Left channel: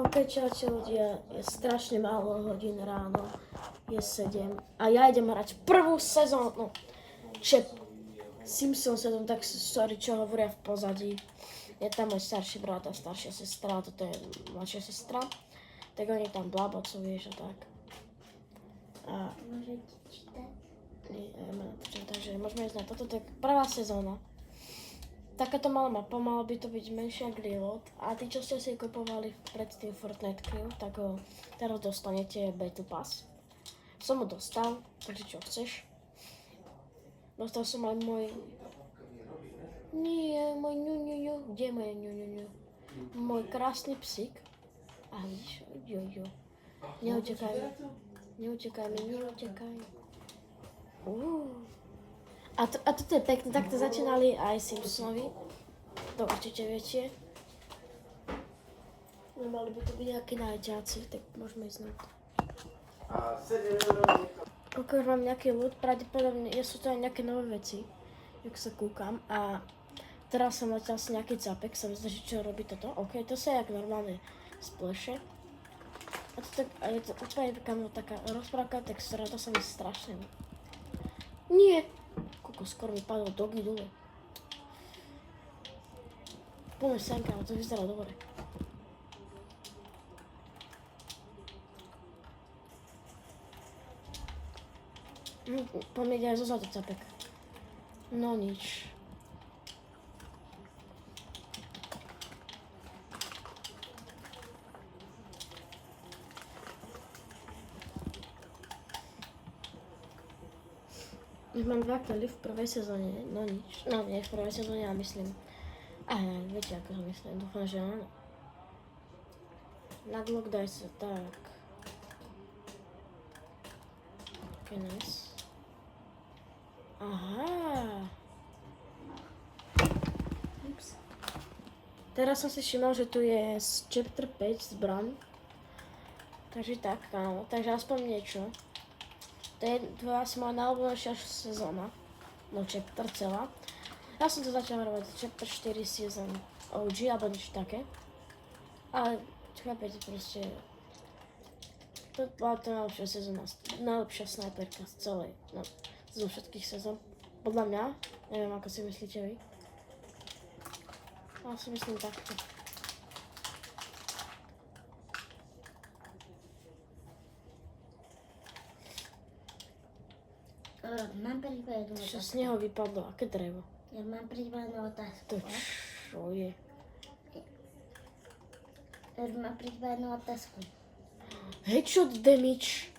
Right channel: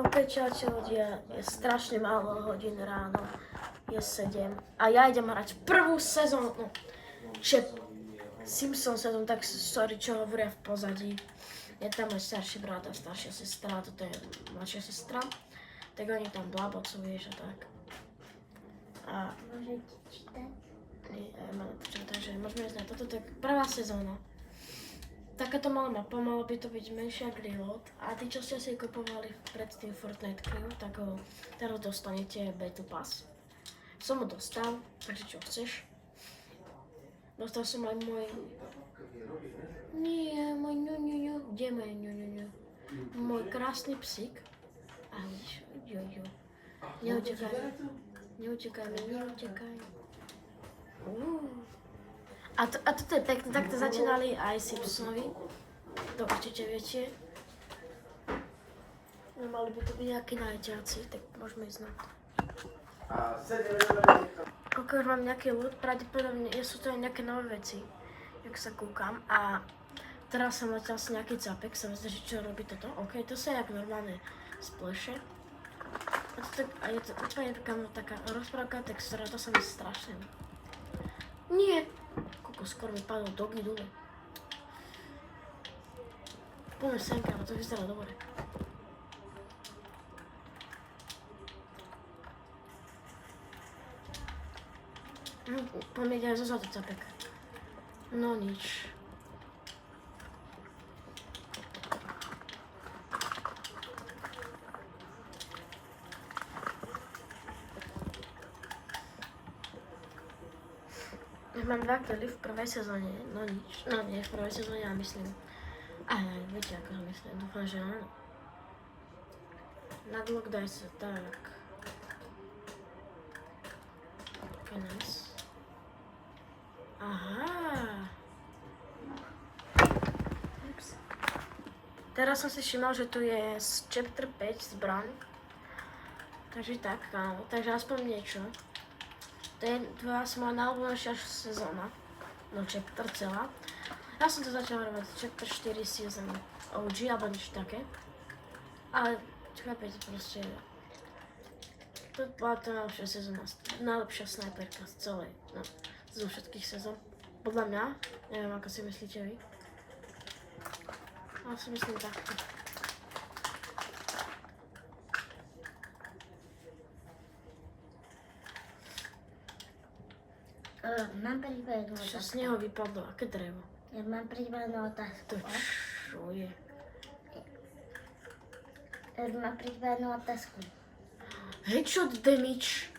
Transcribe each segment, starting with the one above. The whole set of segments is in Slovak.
OK, čaute ľudia, je strašne málo hodín ráno, je 7 a ja idem hrať prvú sezónu Simpson sezónu, tak sorry, čo hovoria v pozadí. Je tam môj starší brat a staršia sestra, a toto je mladšia sestra, tak oni tam blabocujú, vieš a tak. A Môžete čítať? takže môžeme ísť na toto, to je prvá sezóna. Takáto malá mapa, malo by to byť menšia reload a tí, čo ste si kupovali predtým Fortnite Crew, tak ho teraz dostanete Battle Pass. Som ho dostal, takže čo chceš? Dostal som aj môj... Nie, môj ňuňuňu. Kde je moje ňuňuňu? Môj krásny psík. A vidíš, juju. Neutekaj. Neutekaj mi, neutekaj. A toto je pekné, takto začínali aj Simpsonovi. To určite viete. No mali by to byť nejakí najťáci, tak môžeme ísť na to. Koľko už mám nejaký loot, pravdepodobne sú to aj nejaké nové veci, jak sa kúkam. A teraz som letel si nejaký capek, sa myslím, že čo robí toto. OK, to sa je jak normálne spleše. A je to úplne taká rozprávka textúra, to sa mi strašne. Nie! Koľko skoro mi padol dogy dole. Poďme sem, kámo, to vyzerá dobre. Poďme ide aj zo zadu capek. No nič. Mám 2 kily v prvej sezóne, no nič. No nie v prvej sezóne, ja myslím. Aj, viete ako ho myslím, dúfam, že áno. Nadlock daj sa, tak. Ok, nice. Aha. Ups. Teraz som si všimol, že tu je z chapter 5 zbraň. Takže tak, kámo, takže aspoň niečo. To je asi moja najobľúbenejšia sezóna, no chapter celá. Ja som to začal hrávať chapter 4 season OG, alebo niečo také. Ale chápete proste, to bola to najlepšia sezóna, najlepšia snajperka z celej, no, zo všetkých sezón. Podľa mňa, neviem ako si myslíte vy. Ale si myslím takto. Mám pripravenú Čo otázku. z neho vypadlo, aké drevo? Ja mám pripravenú otázku. To čo je? Mám pripravenú otázku. Headshot damage.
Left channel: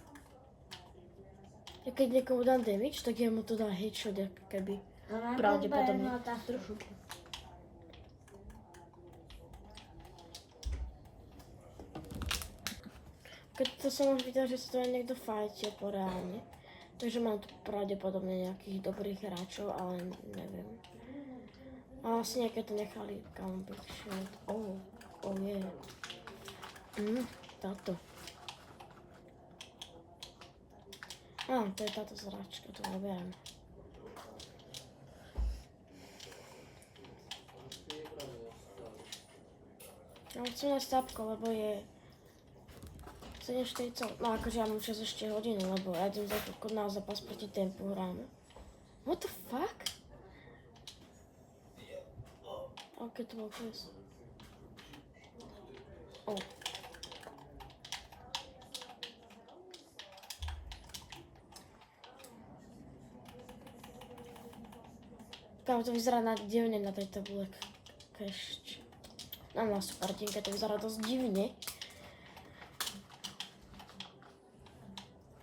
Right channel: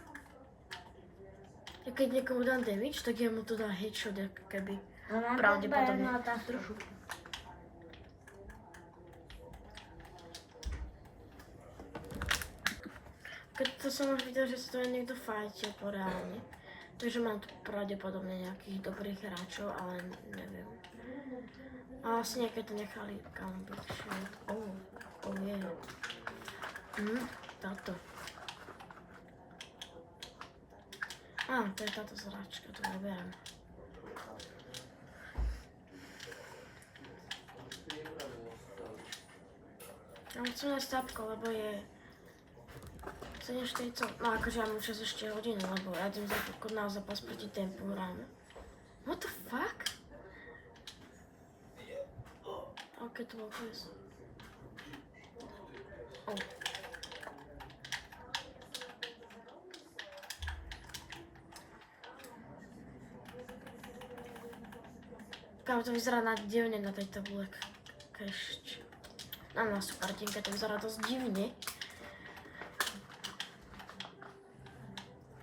Ja keď niekomu dám damage, tak ja mu to dám headshot, ako keby. Mám Pravdepodobne. pripravenú otázku. Keď to som už videl, že sa to aj niekto fajtil poreálne. Takže mám tu pravdepodobne nejakých dobrých hráčov, ale neviem. A asi nejaké to nechali kam byť. Oh yeah. Táto. To je táto zráčka, to neberiem. Ja chcem nájsť tápko, lebo je 7:40, no akože ja mám čas ešte hodinu, lebo ja idem na zápas proti Tempu hráme. What the fuck? OK, to bol pes. Kámo, to vyzerá divne na tej tabule cache. Na supertinke to vyzerá dosť divne.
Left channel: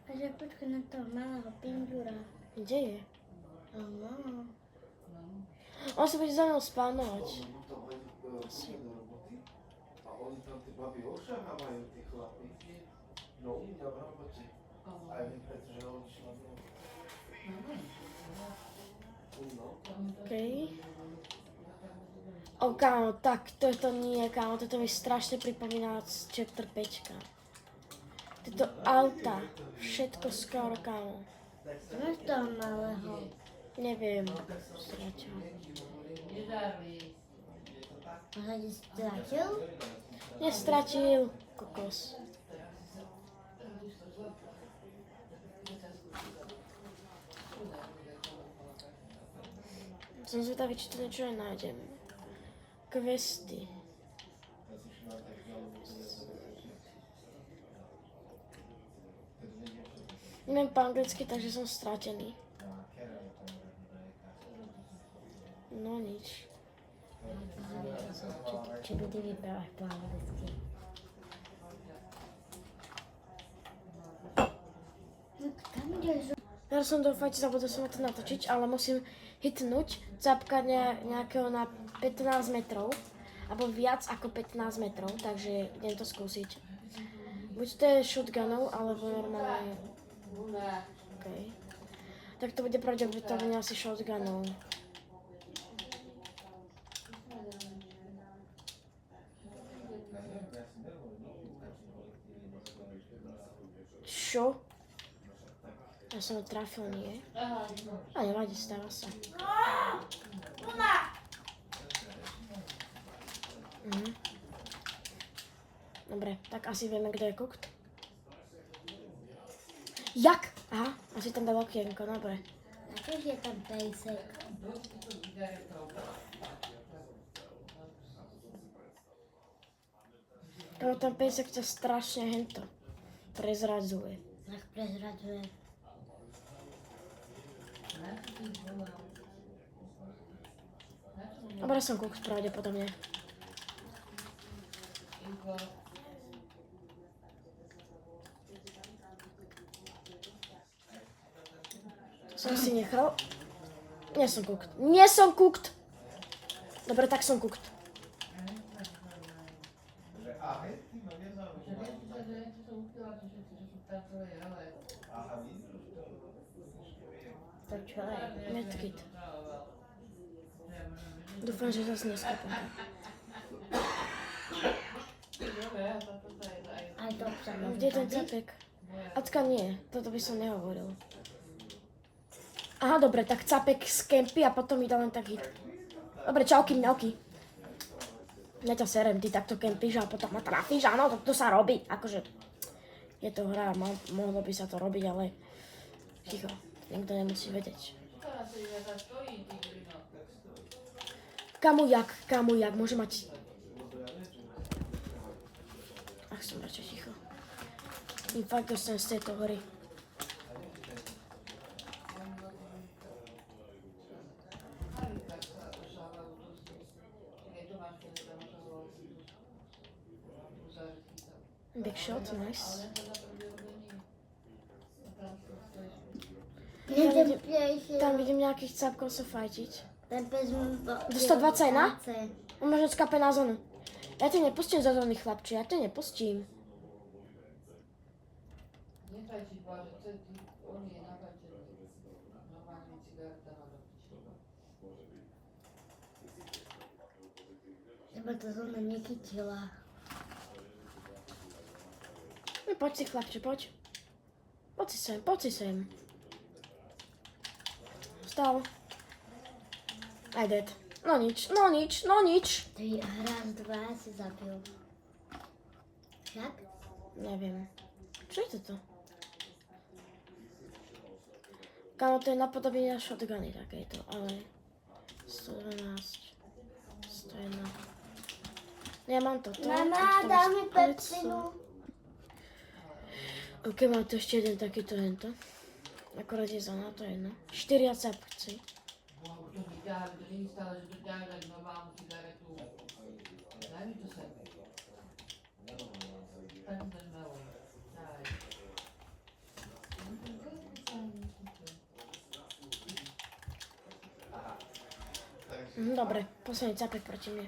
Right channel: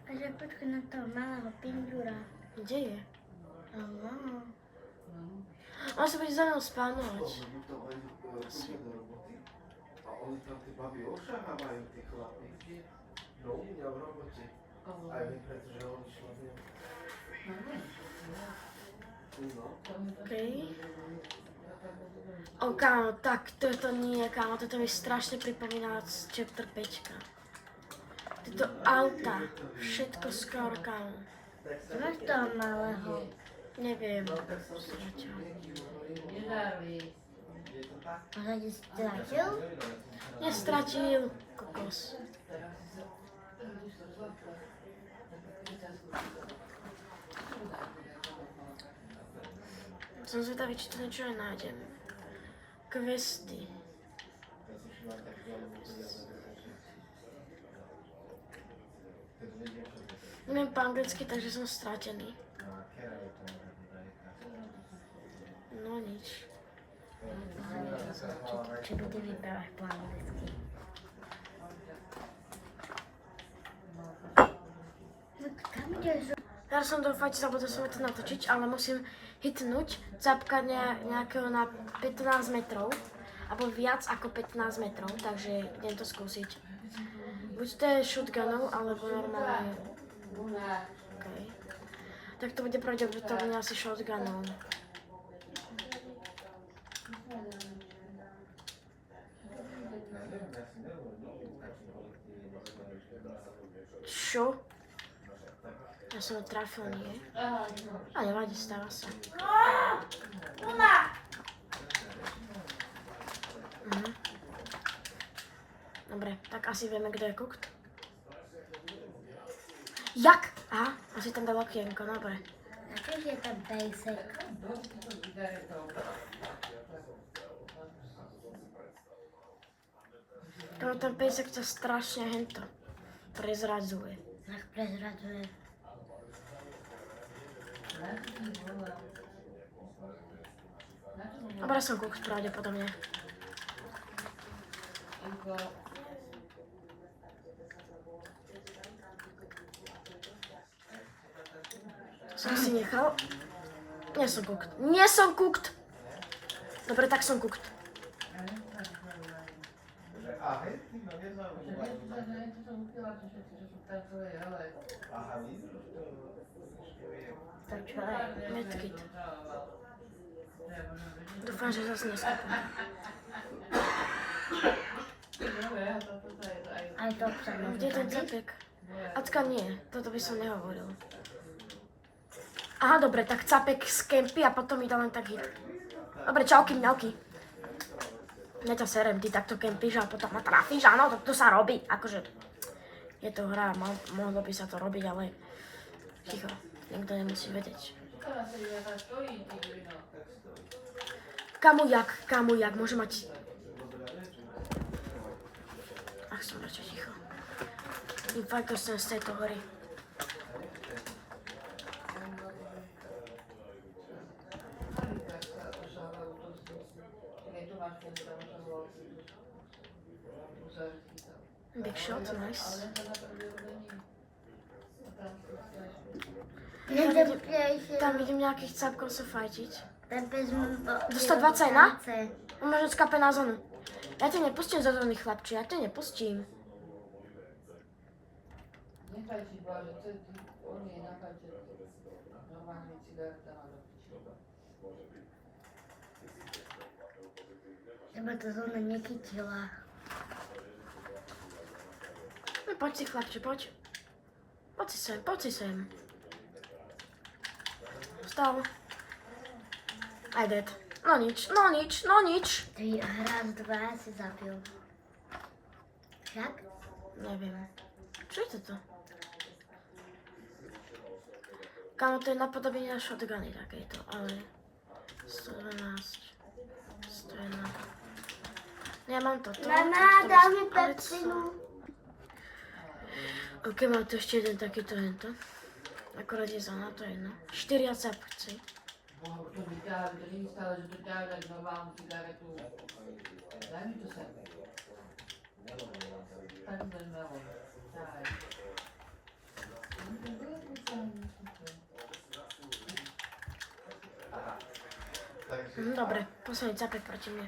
Takže počkaj na toho malého pindura. Kde je? On sa bude za mnou spánovať. Asi. A oni tam tí babi ošahávajú, tí chlapi. No u mňa v robote. Aj my, pretože oni šlapia. No. Okej. Kámo, tak toto nie, kámo, toto mi strašne pripomína z chapter 5. Tieto auta, všetko skoro, kámo. Máš toho malého. Neviem. Možno ti stratil? Nestratil. Kokos. Som zvedavý, či tu niečo aj nájdem. Questy. Neviem po anglicky, takže som stratený. No nič. Či bude vybrať po anglicky. No kam ideš? Ja som to fakt zabudol som to natočiť, ale musím hitnúť capka nejakého na 15 metrov. Alebo viac ako 15 metrov, takže idem to skúsiť. Buď to je shotgunou, alebo normálne. Okay. Tak to bude pravdepodobne asi shotgunou. Čo? Ja som ho trafil, nie? A nevadí, stáva sa. Mhm. Dobre, tak asi vieme, kto je cooked. Jak? Aha, asi tam dal okienko, dobre. Aký je ten pejsek? Ten pejsek sa strašne hento prezradzuje. Nech prezradzuje. Dobre, som cooked pravdepodobne. Som si nechal. Nie som cooked. Nie som cooked! Dobre, tak som cooked. To čo je? Medkit. Dúfam, že zase neskúpim. Aj to sa No, kde je ten capek? Acka nie, toto by som nehovoril. Aha, dobre, tak capek z kempy a potom mi dá len tak hit. Dobre, čauky, mňauky. Ja ťa serem, ty takto kempíš a potom ma trafíš, áno, to sa robí. Akože, je to hra, mohlo by sa to robiť, ale ticho, nikto nemusí vedieť. Kamu jak, môže mať... Ach, som radšej ticho. Fakt dostanem z tejto hory. Big shot, nice. Tam vidím nejakých capkov sa fajtiť. Ten pes Do 121? On možno skape na zónu. Ja ťa nepustím za zóny, chlapči, ja ťa nepustím. Teba to zóna nechytila. No poď si, chlapči, poď. Poď si sem. Vstal. I dead. No nič. Ty raz, dva si zabil. Však? Neviem. Čo je toto? Kámo, to je napodobenie na shotguny takéto, ale... 112. 101. Nemám toto. Mama, dá mi pepsinu. Ok, mám tu ešte jeden takýto hento. Akorát je zóna, to je jedno. 4 capci. Dobre, posledný capek proti mne.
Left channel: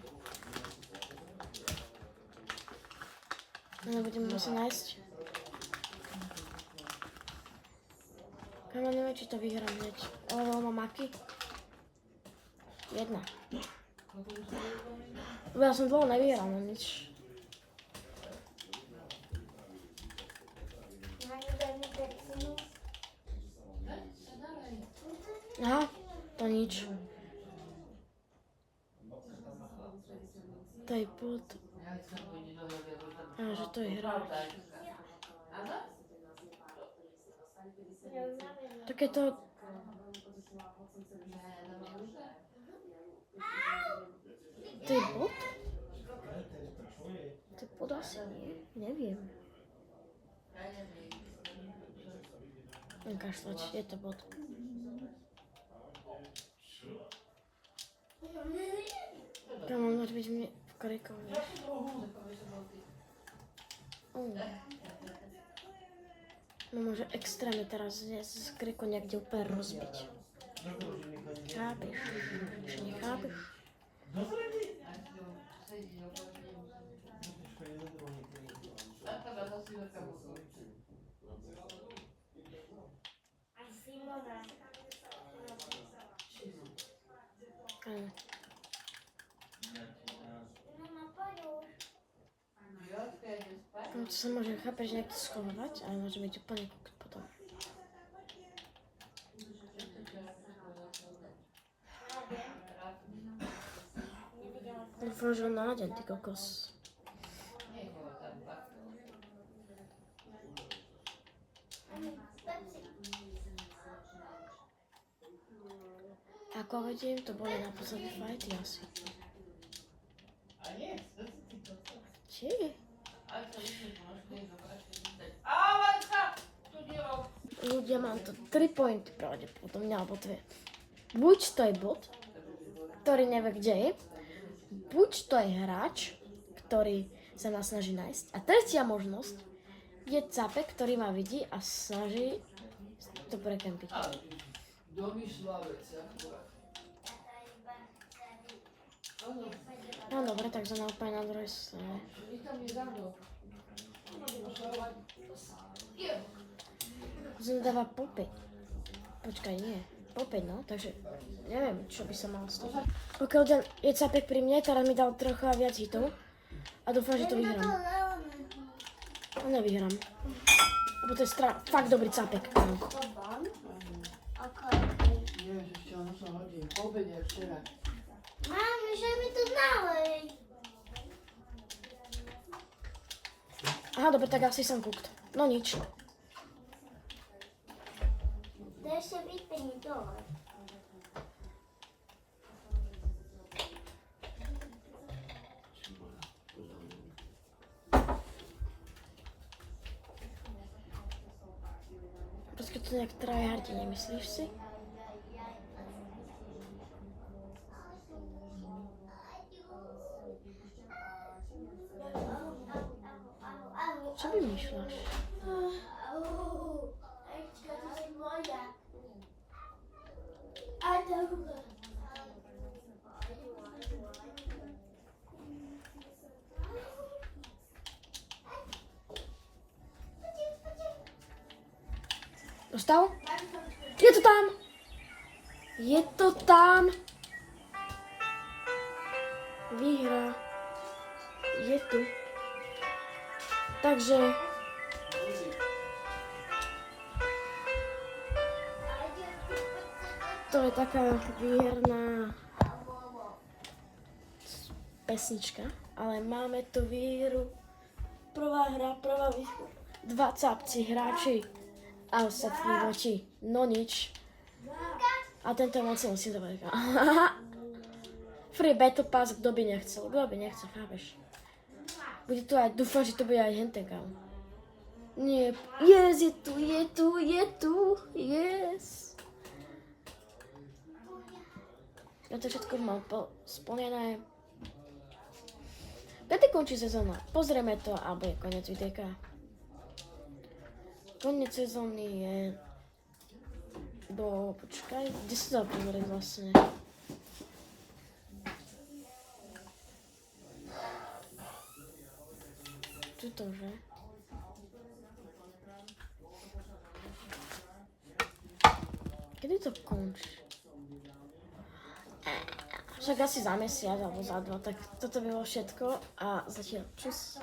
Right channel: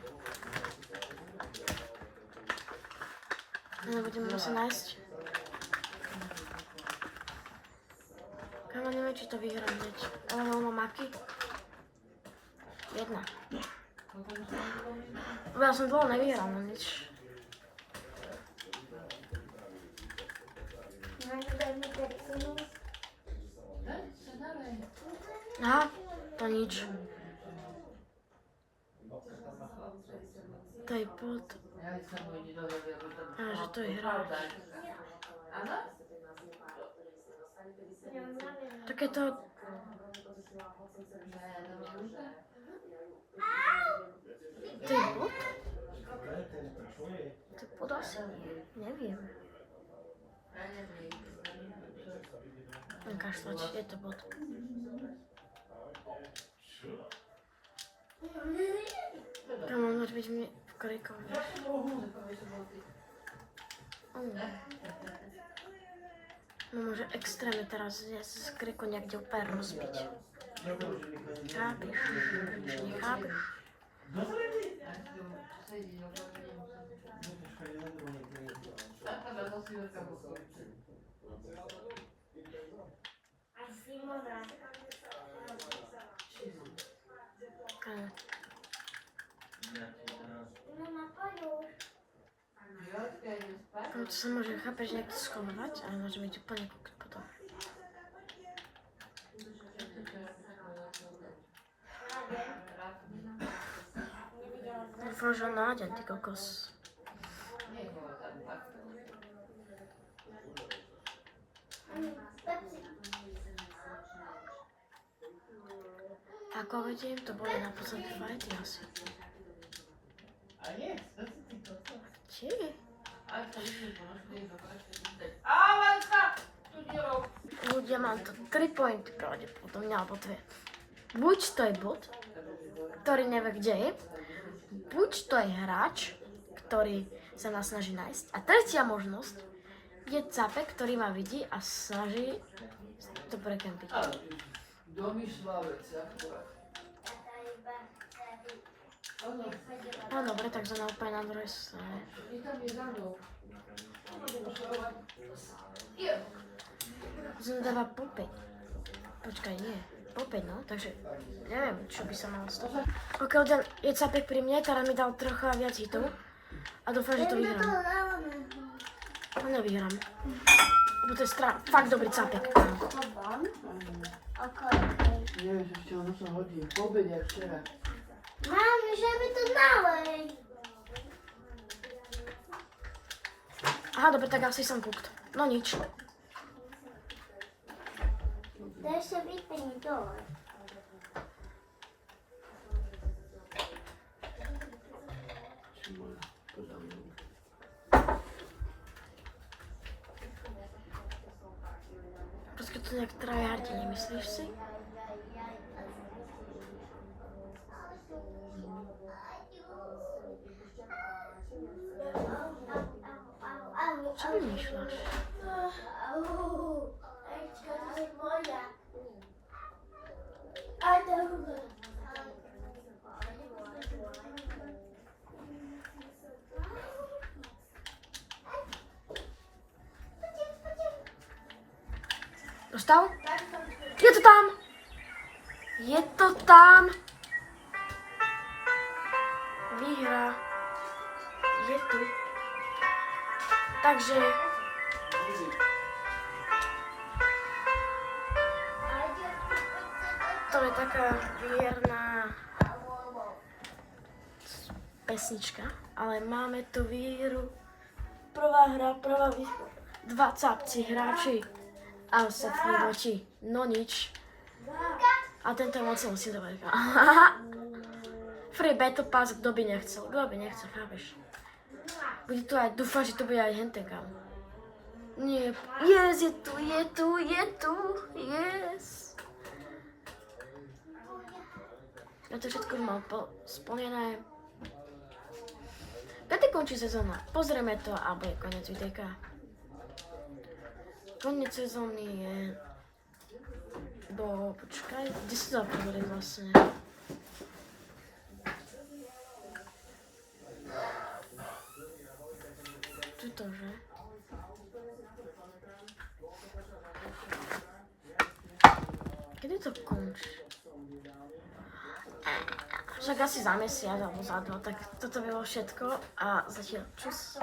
No, budeme musieť nájsť. Kámo, neviem, či to vyhrám hneď. Ale mám maky. Jedna. Ja som dlho nevyhral, no nič. Aha, to nič. To je pod. Aha, že to je hra. Takéto... To je bod? To je bod asi nie. Neviem. Kašľať, je to bod. Tam môže byť mi v korikovi. No môže extrémne teraz z kriku niekde úplne rozbiť. Chápeš? Nechápeš? To sa môže, chápeš, niekto schovávať, ale môže byť úplne kúkať potom. Dúfam, že ho nájdem, ty kokos. Ako vidím, to boli naposledy fajty asi. Či? Ľudia, mám to 3 pointy pravdepodobne, alebo 2. Buď to je bot, ktorý nevie, kde je, buď to je hráč, ktorý sa nás snaží nájsť. A tretia možnosť je capek, ktorý ma vidí a snaží to prekempiť. No dobre, tak sme úplne na druhej strane. Zadáva po 5. Počkaj, nie. Po 5, no, takže neviem, čo by sa malo stať. Pokiaľ je capek pri mne, teraz mi dal trocha viac hitov a dúfam, že to vyhrám. No nevyhrám. Lebo to je fakt dobrý capek. Nevieš, ešte ono sa hodí. Po obede včera. Mami, že mi to nalej. Aha, dobre, tak asi som cooked. No nič. Daj sa vypení dole. Proste to nejak tryhardi, nemyslíš si? Čo vymýšľaš? Dostal? Je to tam! Je to tam! Výhra je tu. Takže to je taká mierna pesnička, ale máme tu výhru. Prvá hra, prvá výhra. 2 capci, hráči a ostatní voči. No nič. A tento moc musí dobre. Free Battle Pass, kto by nechcel, chápeš? Bude tu aj, dúfam, že to bude aj hentekam. Nie, yes, je tu, yes. Ja to všetko mám splnené. Kedy končí sezóna? Pozrieme to a bude koniec videjka. Koniec sezóny je počkaj, kde sa to pozrieť vlastne? Tuto, že? Kedy to končí? Však asi za mesiac alebo za 2, tak toto bylo všetko a zatiaľ čus.